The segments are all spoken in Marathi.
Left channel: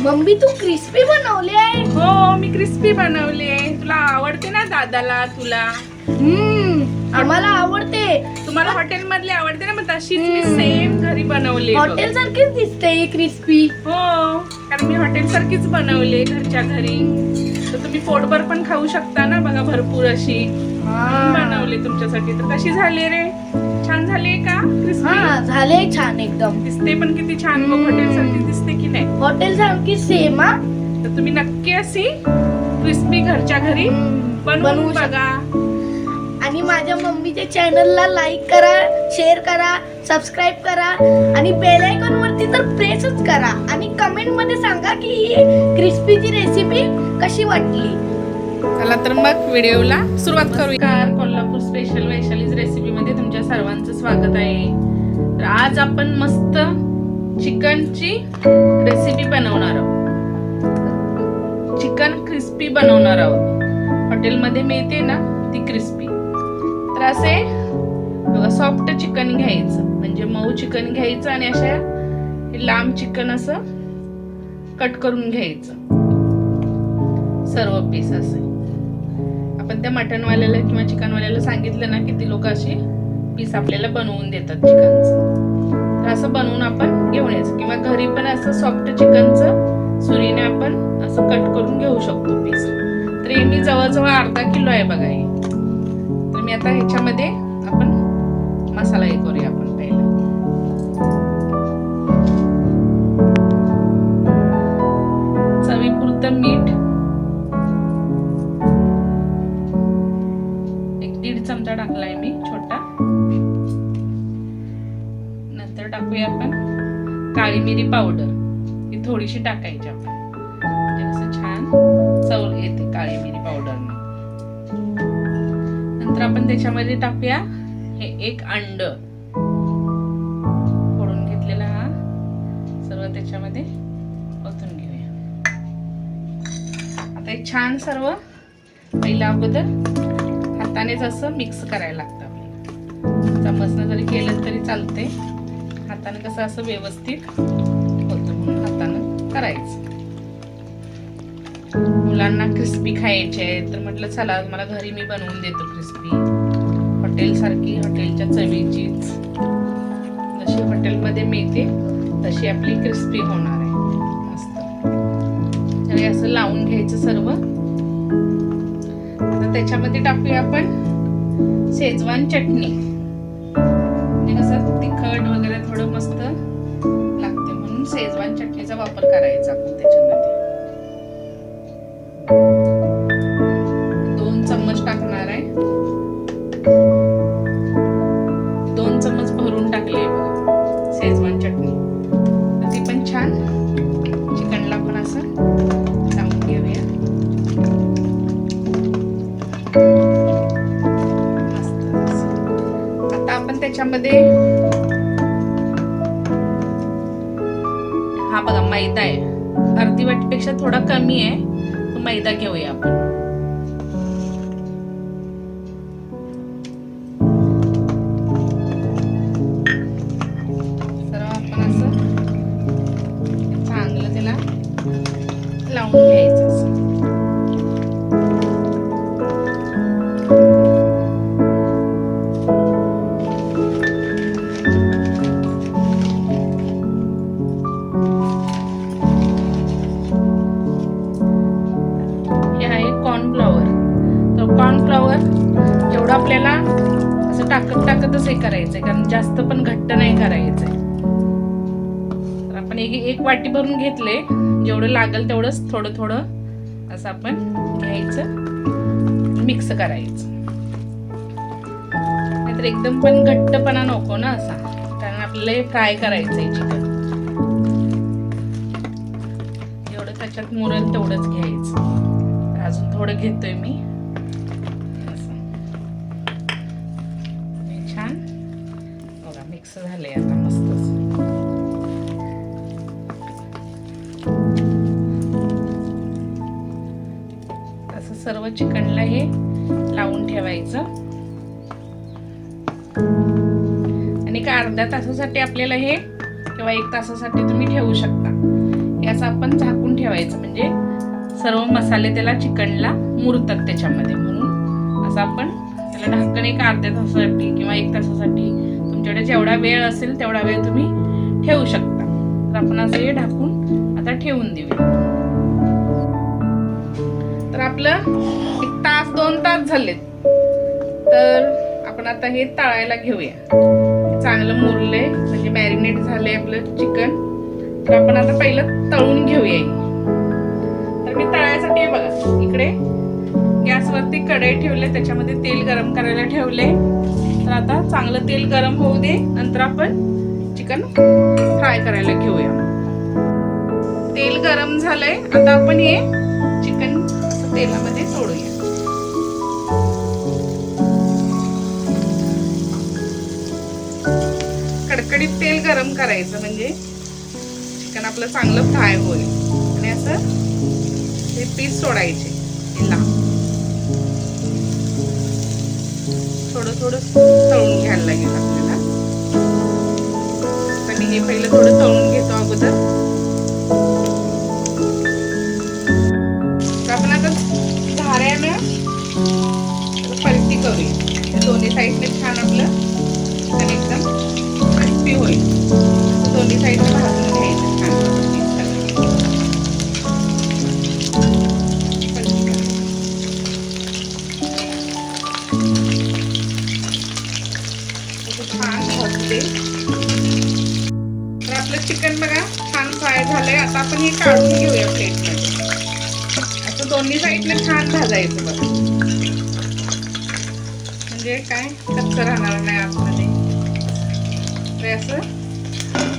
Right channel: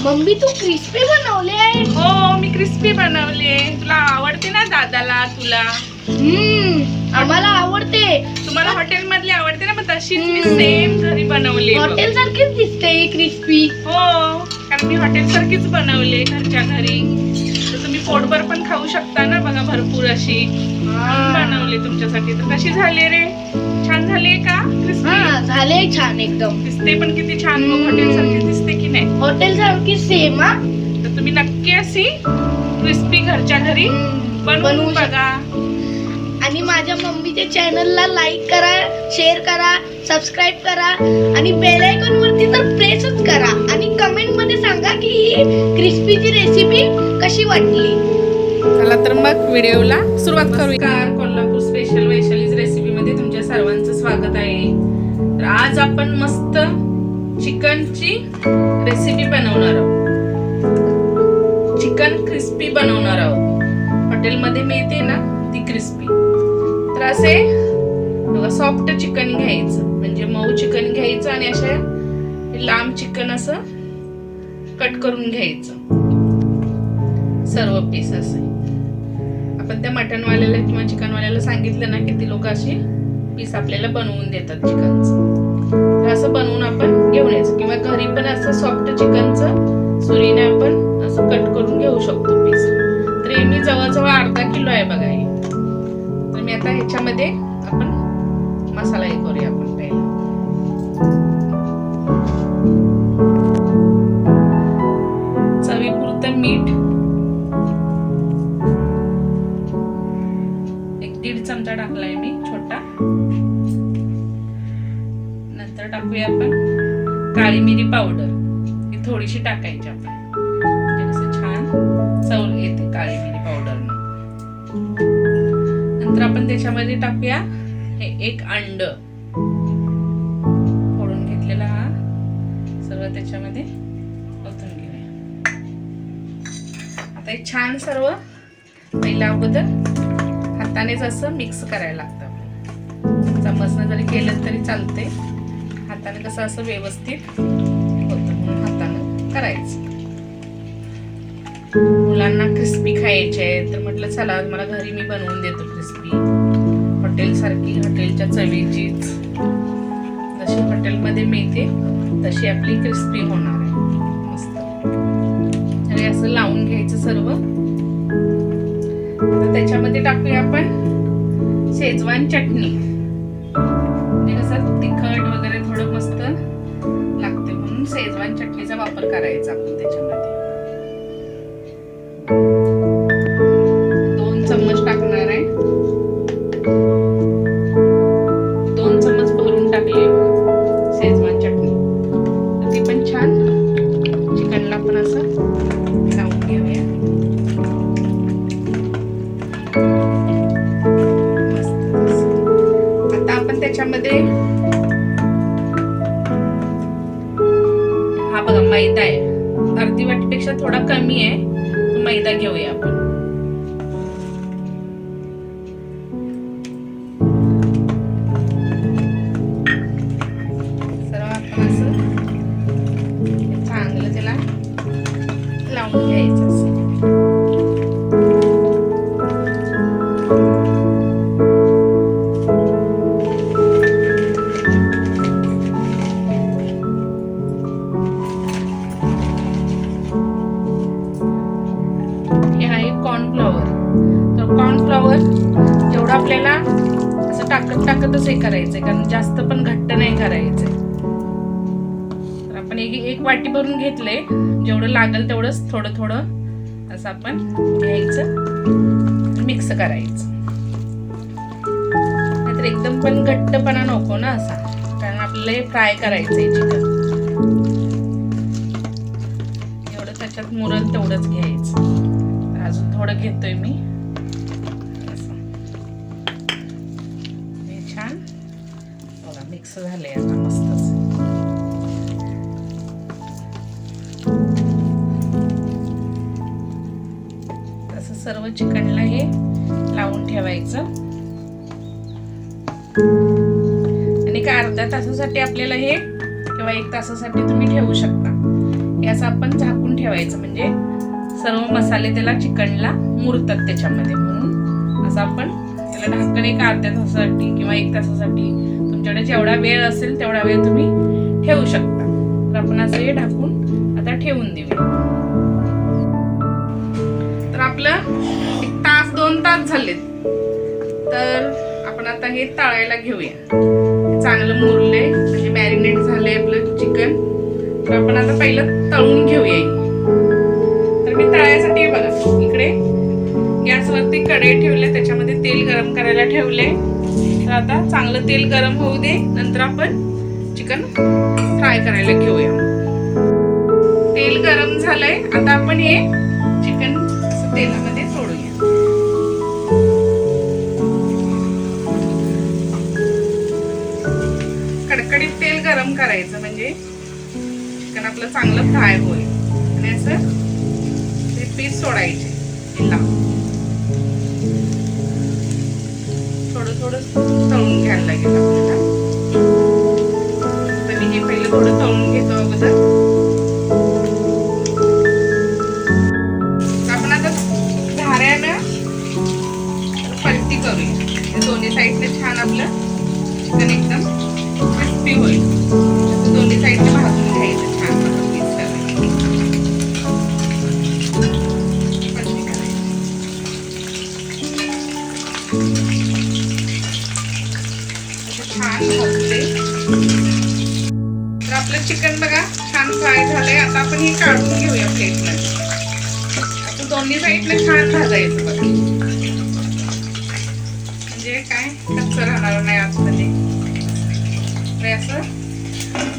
मम्मी तू क्रिस्पी बनवले आहे. हो, मी क्रिस्पी बनवले. तुला आवडते ना दादाला, तुला? आम्हाला आवडते. तुम्हाला हॉटेल मधली आवडते ना, मग तशीच मी सेम घरी बनवली. हॉटेल सारखीच दिसते ही क्रिस्पी. हो, कारण मी हॉटेल सारखीच बनवले घरच्या घरी. तर तुम्ही पोटभर पण खाऊ शकता ना, बघा भरपूर अशी बनवले तुमच्यासाठी. तर कशी झाली रे? छान झाली का क्रिस्पी? झाले छान एकदम. दिसते पण किती छान, मग हॉटेल सारखी दिसते की नाही? हॉटेल सारखी सेम. तर तुम्ही नक्की अशी क्रिस्पी घरच्या घरी बनवून बघा. आणि माझ्या मम्मीच्या चॅनलला लाईक करा, शेअर करा, सबस्क्राईब करा आणि बेल आयकॉन वरती तर प्रेसच करा आणि कमेंट मध्ये सांगा की ही क्रिस्पीची रेसिपी कशी वाटली. चला तर मग व्हिडिओला सुरुवात करूया. कोल्हापूर स्पेशल वैशालीज रेसिपी मध्ये तुमच्या सर्वांचं स्वागत आहे. तर आज आपण मस्त चिकनची रेसिपी बनवणार आहोत. चिकन क्रिस्पी बनवणार आहोत. हॉटेलमध्ये मिळते ना ती क्रिस्पी. तर असे बघा, सॉफ्ट चिकन घ्यायचं, म्हणजे मऊ चिकन घ्यायचं आणि अशा लांब चिकन असं कट करून घ्यायचं सर्व पीस. असे आपण त्या मटनवाल्याला किंवा चिकनवाल्याला सांगितलं ना की ती लोक अशी पीस आपल्याला बनवून देतात चिकनचं. तर असं बनवून आपण घेऊन यायचं, किंवा घरी पण असं सॉफ्ट चिकनचं सुरीने आपण असं कट करून घेऊ शकतो पीस. तर हे मी जवळजवळ अर्धा किलो आहे बघा हे. तर मी आता ह्याच्यामध्ये आपण मसाला हे करूया. आपण पहिला चवीपुरतं मीठ, 1-1.5 चमचा टाकलाय मी छोटा. नंतर टाकूया आपण काळी मिरी पावडर, ही थोडीशी टाकायची आपण, म्हणजे कसं छान चव येते काळी मिरी पावडरने. नंतर आपण त्याच्यामध्ये टाकूया हे 1 अंड फोडून घेतलेला, हा सर्व त्याच्यामध्ये ओतून घेऊया. आता हे छान सर्व पहिल्या अगोदर हातानेच असं मिक्स करायला लागतं आपल्याला. चम्मचने जरी केलं तरी चालते, हाताने कसं असं व्यवस्थित होतं म्हणून हाताने करायचं. मुलांना क्रिस्पी खायचे आहे तर म्हटलं चला आज मला घरी मी बनवून देतो क्रिस्पी, हॉटेल सारखी, हॉटेलच्या चवीचीच. जशी हॉटेलमध्ये मिळते तशी आपली क्रिस्पी होणार आहे मस्त. आणि असं लावून घ्यायचं सर्व. आता त्याच्यामध्ये टाकूया आपण शेजवान चटणी, म्हणजे कसं तिखट वगैरे थोडं मस्त लागते म्हणून शेजवान चटणीचा वापर करायचा आपण त्याच्यामध्ये. 2 चम्मच टाकणार आहे. 2 चम्मच भरून टाकली शेजवान चटणी. तर ती पण छान चिकनला पण असं लावून घेऊया मस्त. आता आपण त्याच्यामध्ये हा बघा मैदा आहे, अर्धी वाटीपेक्षा थोडा कमी आहे, तो मैदा घेऊया आपण. सर्व आपण असं चांगलं त्याला लावून घ्यायचं असं. कॉर्नफ्लॉवर. तर कॉर्नफ्लॉवर जेवढं आपल्याला असं टाकतच हे करायचंय, कारण जास्त पण घट्ट नाही करायचंय. तर आपण एक वाटी भरून घेतले, जेवढं लागेल तेवढंच थोडं थोडं असं आपण घ्यायचं, मिक्स करायचं. नाहीतर एकदम पण घट्टपणा नको ना असा, कारण आपल्याला फ्राय करायचंय चिकन. एवढं त्याच्यात मुरल तेवढंच घ्यायचं. अजून थोडं घेतोय मी असं. हे छान बघा मिक्स झालंय आता मस्तच. तसं सर्व चिकनला हे लावून ठेवायचं. आणि एक अर्ध्या तासासाठी आपल्याला हे, किंवा 1 तासासाठी तुम्ही ठेवू शकता. हे हे असं आपण झाकून ठेवायचं, म्हणजे सर्व मसाले त्याला चिकनला मुरतात त्याच्यामध्ये. म्हणून असं आपण त्याला ढाकण एक अर्ध्या तासासाठी किंवा 1 तासासाठी तुमच्याकडे जेवढा वेळ असेल तेवढा वेळ तुम्ही ठेवू शकता. तर आपण असं हे ढाकून आता ठेवून देऊया. तर आपलं 1 तास 2 तास झालेत. तर आपण आता हे तळायला घेऊया. चांगलं मुरलंय म्हणजे मॅरिनेट झालंय आपलं चिकन. तर आपण आता पहिलं तळून घेऊया. तर मी तळायसाठी बघा इकडे गॅसवरती कढई ठेवले, त्याच्यामध्ये तेल गरम करायला ठेवले. तर आता चांगलं तेल गरम होऊ दे, नंतर आपण चिकन फ्राय करायला घेऊया. तेल गरम झालंय, आता आपण हे चिकन तेलामध्ये सोडूया. कडकडीत तेल गरम करायचं म्हणजे चिकन आपलं चांगलं फ्राय होईल. आणि असं ते पीस सोडायचे तेला. थोडं थोडं तळून घ्यायला लागेल आपल्याला. तर मी हे पहिलं थोडं तळून घेतो अगोदर. आपण आता झाऱ्यानं पलटी करूया. दोन्ही साईडने छान आपलं चिकन एकदम क्रिस्पी होईल. दोन्ही साईडने भाजून घ्यायचं छान पीस करायचं. पलटी करायची. छान भाजते. तर आपलं चिकन बघा छान फ्राय झालंय. आता आपण हे काढून घेऊया प्लेटमध्ये. असं दोन्ही साईडने छान भाजायचं बघा, म्हणजे काय कच्चं राहणार नाही आतमध्ये. तर असं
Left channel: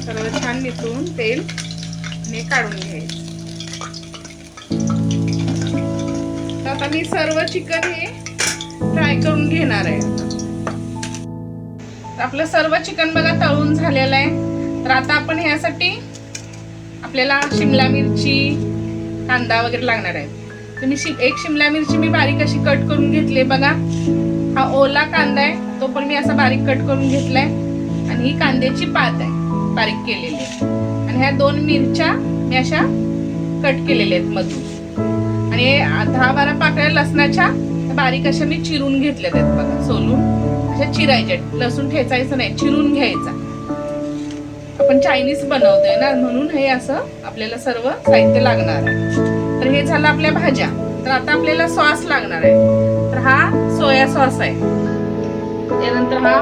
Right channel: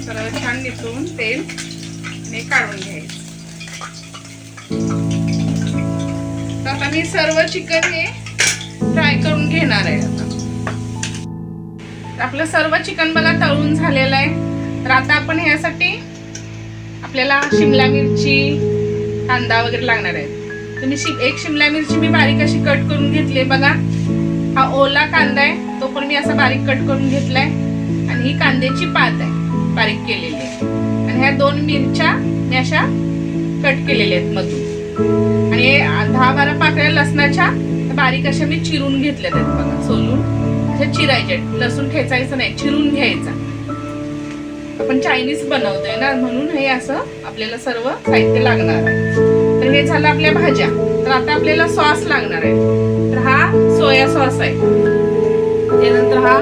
सर्व छान निथळून तेल आणि काढून घ्यायचं. तर आता मी सर्व चिकन हे फ्राय करून घेणार आहे. आता आपलं सर्व चिकन बघा तळून झालेलं आहे. तर आता आपण ह्यासाठी आपल्याला शिमला मिरची, कांदा वगैरे लागणार आहे. तर मी एक शिमला मिरची मी बारीक अशी कट करून घेतली बघा. हा ओला कांदा आहे, तो पण मी असा बारीक कट करून घेतलाय. आणि ही कांद्याची पात आहे बारीक केलेली आहे. आणि ह्या 2 मिरच्या मी अशा कट केलेल्या आहेत मधून. आणि 10-12 पाकळ्या लसणाच्या बारीक अशा मी चिरून घेतल्यात आहेत बघा. सोलून अशा चिरायच्या. लसूण ठेचायचं नाही, चिरून घ्यायचा. आपण चायनीज बनवतोय ना, म्हणून हे असं आपल्याला सर्व साहित्य लागणार आहे. तर हे झालं आपल्या भाज्या. तर आता आपल्याला सॉस लागणार आहे. तर हा सोया सॉस आहे, त्यानंतर हा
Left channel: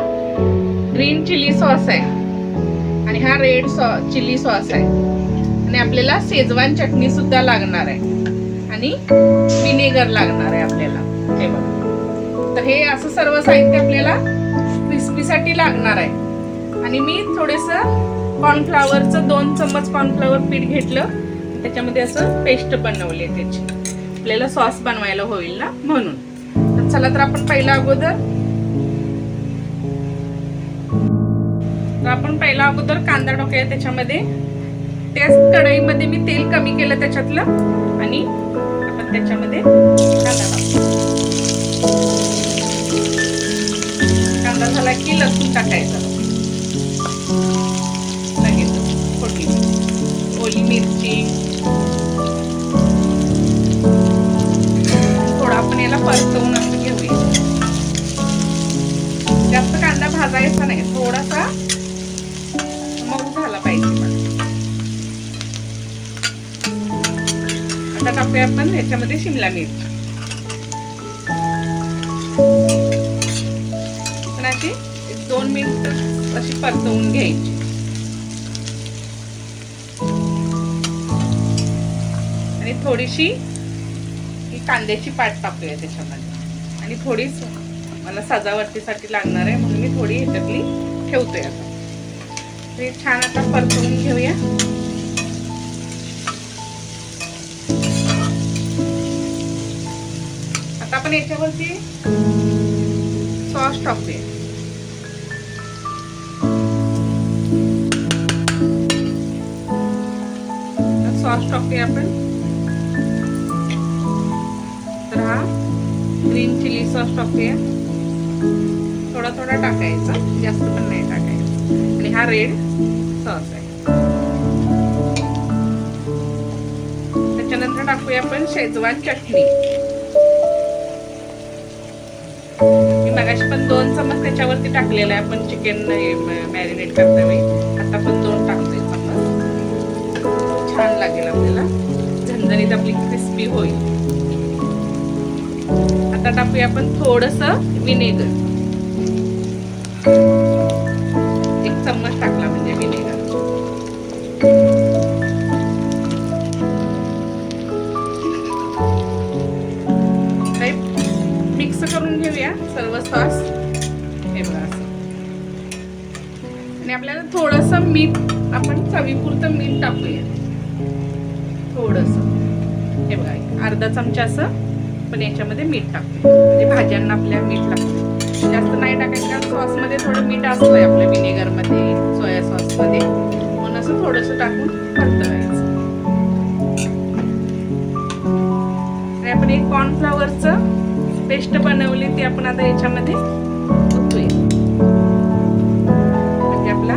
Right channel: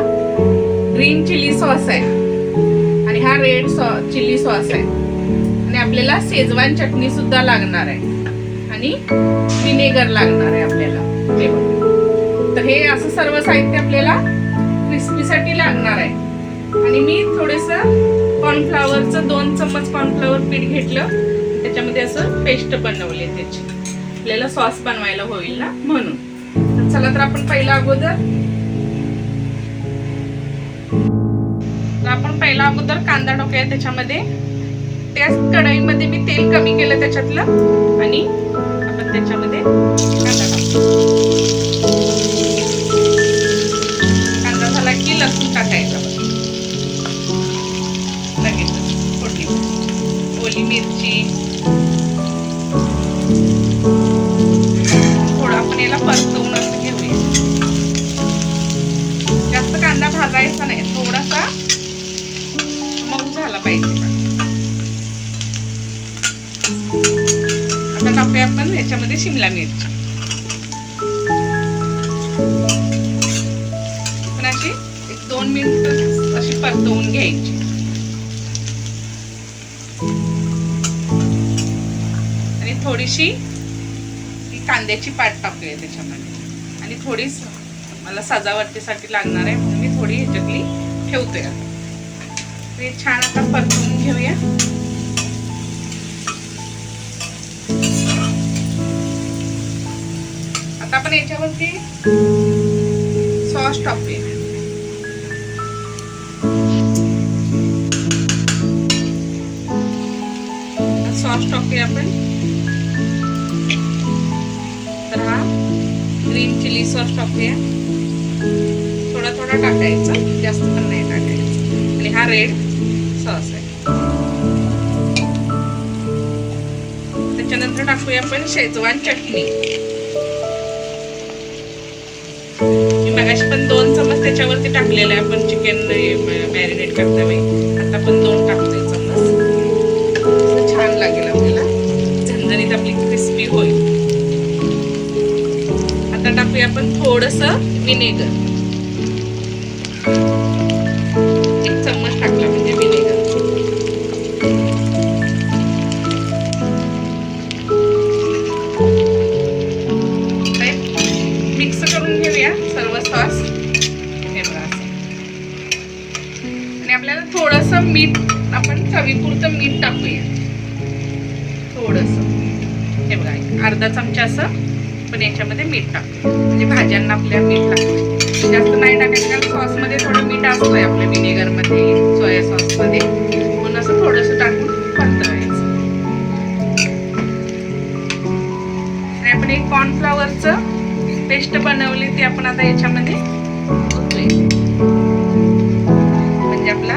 ग्रीन चिली सॉस आहे, आणि हा रेड चिली सॉस आहे. आणि आपल्याला शेजवान चटणी सुद्धा लागणार आहे, आणि विनेगर लागणार आहे आपल्याला. हे बघा. तर हे असं सर्व साहित्य आपल्याला क्रिस्पीसाठी लागणार आहे. आणि मी थोडंसं कॉर्नफ्लॉवरचं 2 चम्मच कॉर्नफ्लॉवर पीठ घेतलं, त्याच्यामध्ये असं पेस्ट बनवली त्याची. आपल्याला सॉस बनवायला होईल ना म्हणून. तर चला तर आपण पहिला अगोदर कांदा टाकूया त्याच्यामध्ये. त्याच कढईमध्ये मी तेल कमी केलं त्याच्यातलं, आणि आपण त्याच्यामध्ये कांदा झाला की लसूण टाकायचा. लगेच फोडणी, ओली मिरची, थोडं आपण याला परतवून असं घेऊया. जास्त कांदा भाजायचा नाही, थोडासा मऊ झाला पाहिजे. आता टाकूया आपण ह्याच्यामध्ये शिमला मिरची. पण अशी 1-2 मिनिट अशी परतवून घ्यायची. आणि थोडीशी कांद्याची पात टाकूया त्याच्यामध्ये. आणि थोडीच मला सजावटीसाठी लागणार आहे, म्हणून मी थोडी ह्याच्यातली ठेवतोय. आता हे छान आता परतवून घेऊया. आता आपण याच्यावरती सॉस टाकूया. सॉस टाकूया आपण. तर हा ग्रीन चिली सॉस टाकूया. थोडा थोडा टाकायचा, जास्त पण नाही टाकायचं. आणि हा रेड सॉस आहे. टाकूया आपण शेजवान चटणी. मी मगाशी पण 2 चमच त्याच्यावरती टाकलेला आहे आपण चिकन मॅरिनेट करता वेळी. आता पण 2 टाकते चमच. छान लागेल आपल्याला, झणझणीत आपली क्रिस्पी होईल. आता टाकूया आपण थोडंसं विनेगर. 1 चम्मच टाकला म्हणजे विनेगर. मिक्स करून घेऊया सर्व सॉस. हे बघा असं. आणि आपल्याला थोडंसं मीठ, आपण चवीपुरतं मीठ टाकूया थोडंसं. हे बघा, 1/2 चमचा असं पण याच्यामध्ये मीठ टाकूया, म्हणजे भाज्यांना आपल्या मीठ टाकूया. जास्त नाही टाकायचं कारण सॉसमध्ये थोडं मीठ असतंय आपल्या विनेगरमध्ये, सोया सॉसमध्ये. म्हणून असं थोडंसं टाकून परतवायचं. आणि आपण एक कॉर्नफ्लॉवरचं पेस्ट बनवली ती आपण आता याच्यामध्ये ओतूया. म्हणजे आपला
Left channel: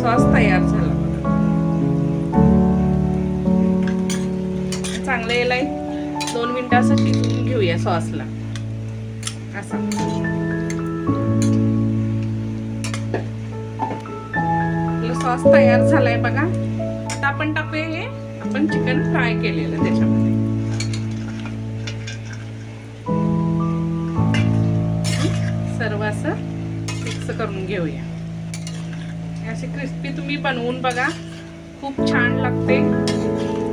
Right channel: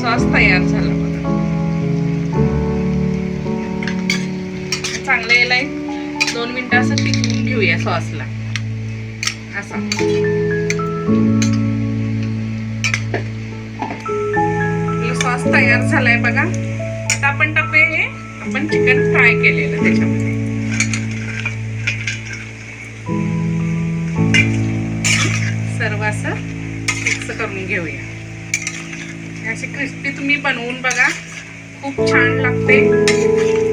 सॉस तयार झाला. चांगलं याला 2 मिनिटं असं टिकवून घेऊया सॉसला. असं सॉस तयार झालाय बघा. आता आपण टाकूया हे आपण चिकन फ्राय केलेलं त्याच्यामध्ये. सर्व असं मिक्स करून घेऊया. अशी क्रिस्पी तुम्ही बनवून बघा, खूप छान लागते.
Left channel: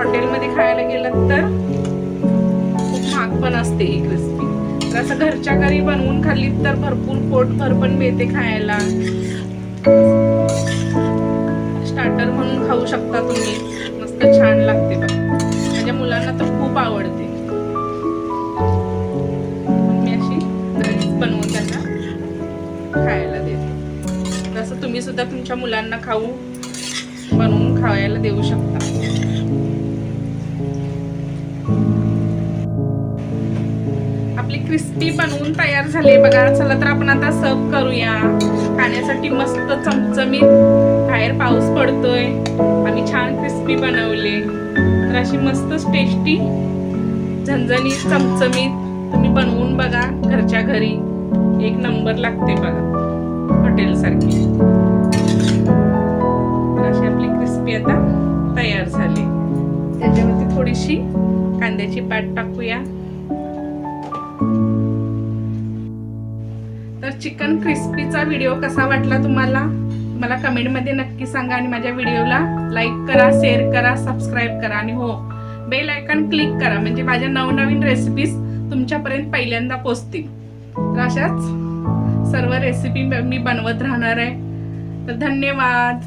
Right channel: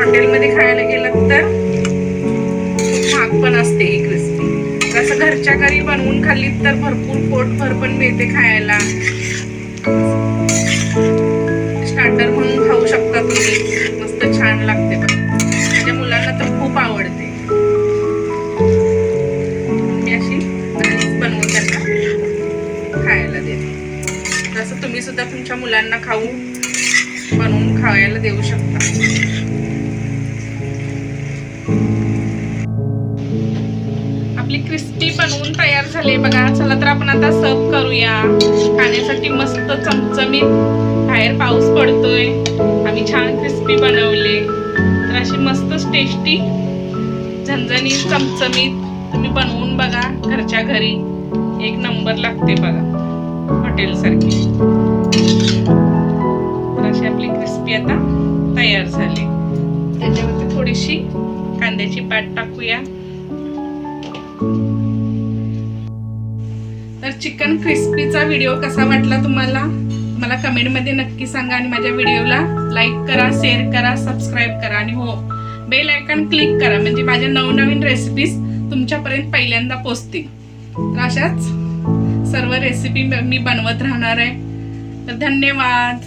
हॉटेलमध्ये खायला गेलं तर खूप महाग पण असते ही क्रिस्पी. असं घरच्या घरी बनवून खाल्ली तर भरपूर पोटभर पण मिळते खायला. स्टार्टर म्हणून खाऊ शकता तुम्ही, मस्त छान लागते बघा. माझ्या मुलांना तर खूप आवडते. मी अशी बनवून त्यांना खायला देते. तसं तुम्ही सुद्धा तुमच्या मुलांना बनवून खायला देऊ शकता. आपली क्रिस्पी बनवून तयार झाली बघा. चला तर आपण आता सर्व करूया. खाण्यासाठी मस्त चमचमीत. बाहेर पाऊस पडतोय, आम्ही छान क्रिस्पी बनवले. तर अशी मस्त टेस्टी, झणझणीत, चमचमीत तुम्ही बनवून बघा घरच्या घरी. 1 नंबर लागते बघा, हॉटेल सारखी. तर अशी आपली क्रिस्पी आता तयार झाली. त्याच्यावरती थोडीशी कांद्याची पात टाकूया. तर चिकन क्रिस्पीचा व्हिडिओ कसा वाटला तुम्हाला, मला कमेंटमध्ये नक्की सांगा. आणि माझ्या व्हिडिओला लाईक करा, शेअर करा, सबस्क्राईब करा. आणि हो, बेल आयकॉन क्लिक करा, म्हणजे माझ्या नवनवीन रेसिपीज तुमच्यापर्यंत पहिल्यांदा पोहोचतील. तर अशाच सर्व रेसिपी मी बनवत राहणार आहे. तर धन्यवाद.